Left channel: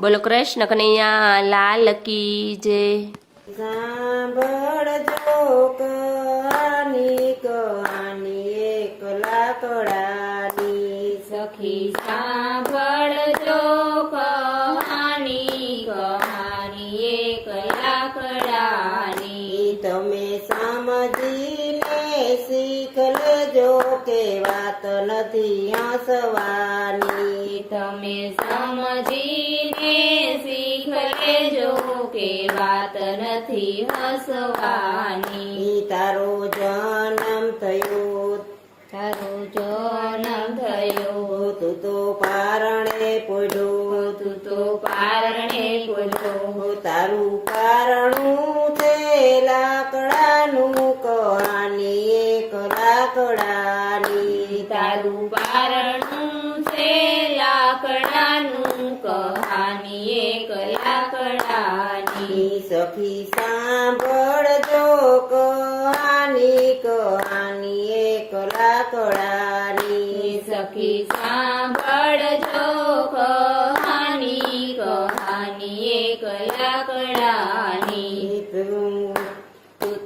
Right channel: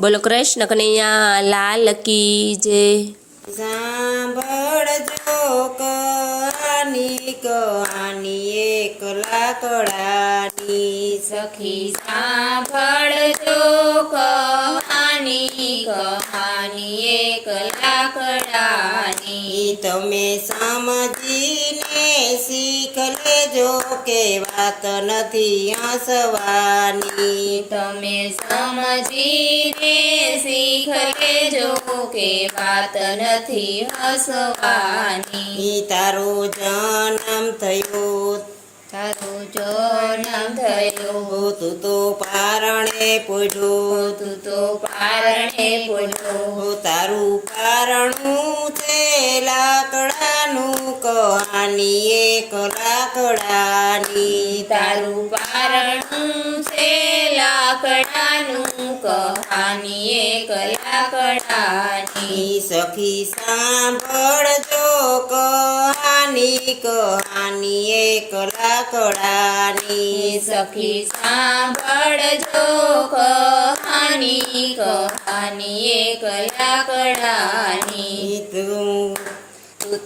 બોલો કૃષ્ણ કનૈયા લાલ કી જય। સાંભળજો કહાની કહાની એક લાકડાની સખી સાંભળજો કહાની કહાની એક લાકડાની તમે સમજીને શીખ લેજો કે વાત નથી હસવાની તમે સમજીને શીખ લેજો કે વાત નથી હસવાની તારો જન્મ થયો તારો જન્મ થયો તું તો પારણે પોઢ્યો તું તો પારણે પોઢ્યો તારું પારણું છે લાકડાનું કહાની એક લાકડાની તારું પારણું છે લાકડાનું કહાની એક લાકડાની સખી સાંભળજો કહાની કહાની એક લાકડાની સખી સાંભળજો કહાની કહાની એક લાકડાની તું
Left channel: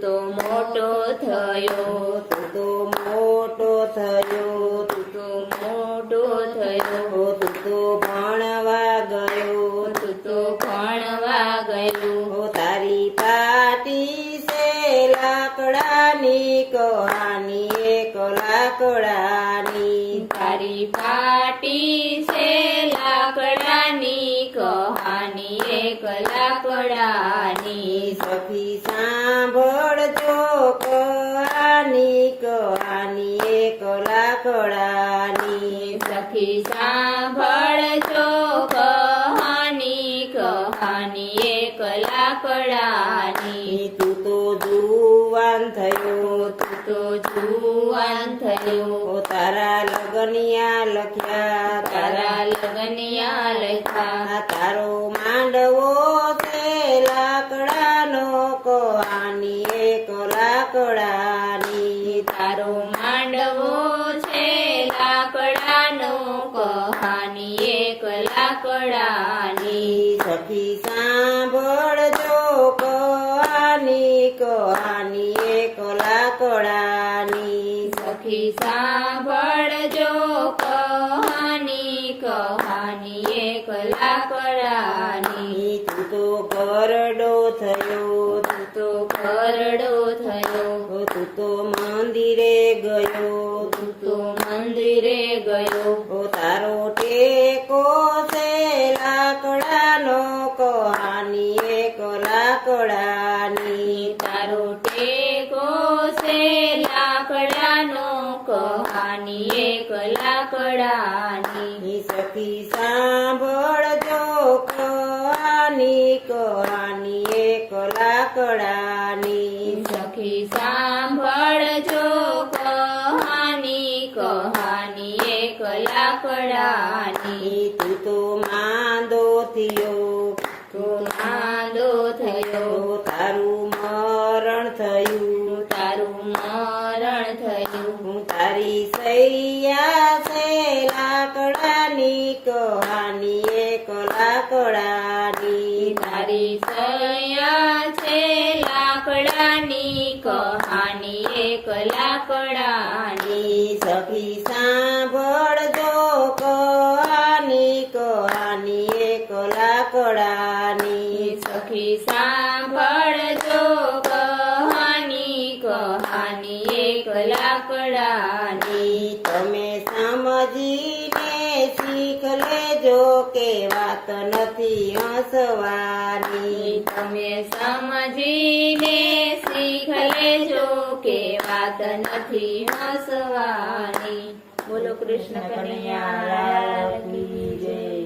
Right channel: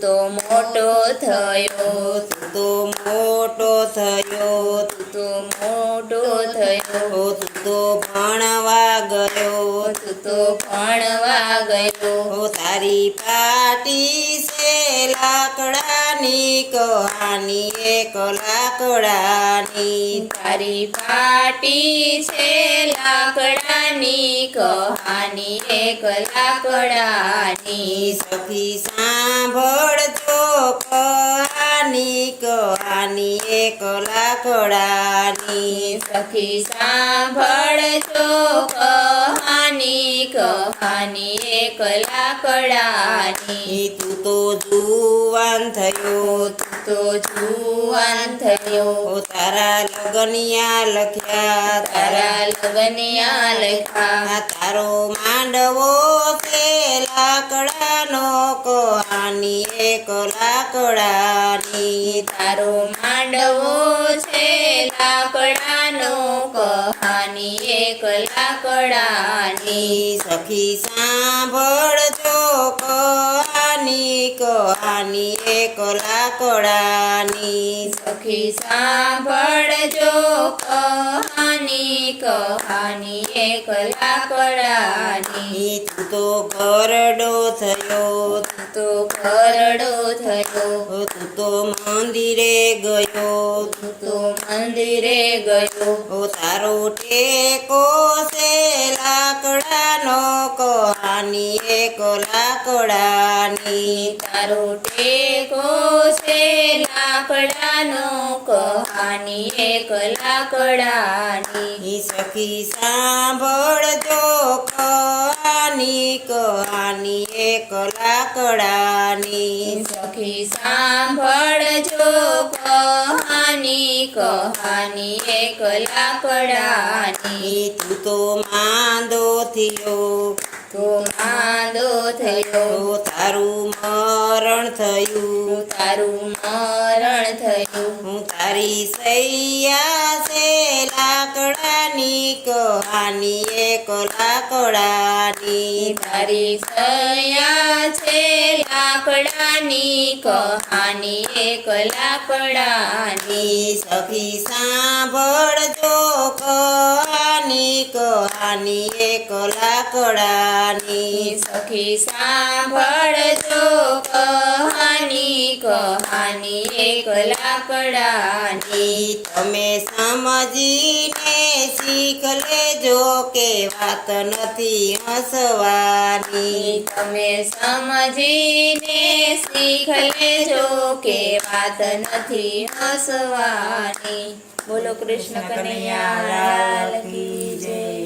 તો મોટો થયો તું તો મોટો થયો તું તો મોટો થયો તું તો ભણવા ગયો તું તો ભણવા ગયો તારી પાટી છે લાકડાની કહાની એક લાકડાની તારી પાટી છે લાકડાની કહાની એક લાકડાની સખી સાંભળજો કહાની કહાની એક લાકડાની સખી સાંભળજો કહાની કહાની એક લાકડાની તું તો જુવાન થયો તું તો જુવાન થયો તારા લગનિયા લખ્યા તારા લગનિયા લખ્યા તારો માંડવો તે લાકડાનો કહાની એક લાકડાની તારો માંડવો છે લાકડાનો કહાની એક લાકડાની સખી સાંભળજો કહાની કહાની એક લાકડાની સખી સાંભળજો કહાની કહાની એક લાકડાની તું તો ગરડો થયો તું તો ઘરડો થયો તું તો મંદિરે ગયો તું તો મંદિરે ગયો તારો ટેકો છે લાકડાનો કહાની એક લાકડાની તારો ટેકો છે લાકડાનો કહાની એક લાકડાની સખી સાંભળજો કહાની કહાની એક લાકડાની સખી સાંભળજો કહાની કહાની એક લાકડાની તું તો માંદો થયો તો માંદો થયો તારું મરણ થયું તારું મરણ થયું તારી સૈયા છે લાકડાની કહાની એક લાકડાની તારી સૈયા છે લાકડાની કહાની એક લાકડાની સખી સાંભળજો કહાની કહાની એક લાકડાની સખી સાંભળજો કહાની કહાની એક લાકડાની તમે સમજીને શીખ લેજો કે વાત નથી હસવાની તમે સમજીને શીખ લેજો કે વાત નથી હસવાની। બોલો કૃષ્ણ કનૈયા લાલ કી જય।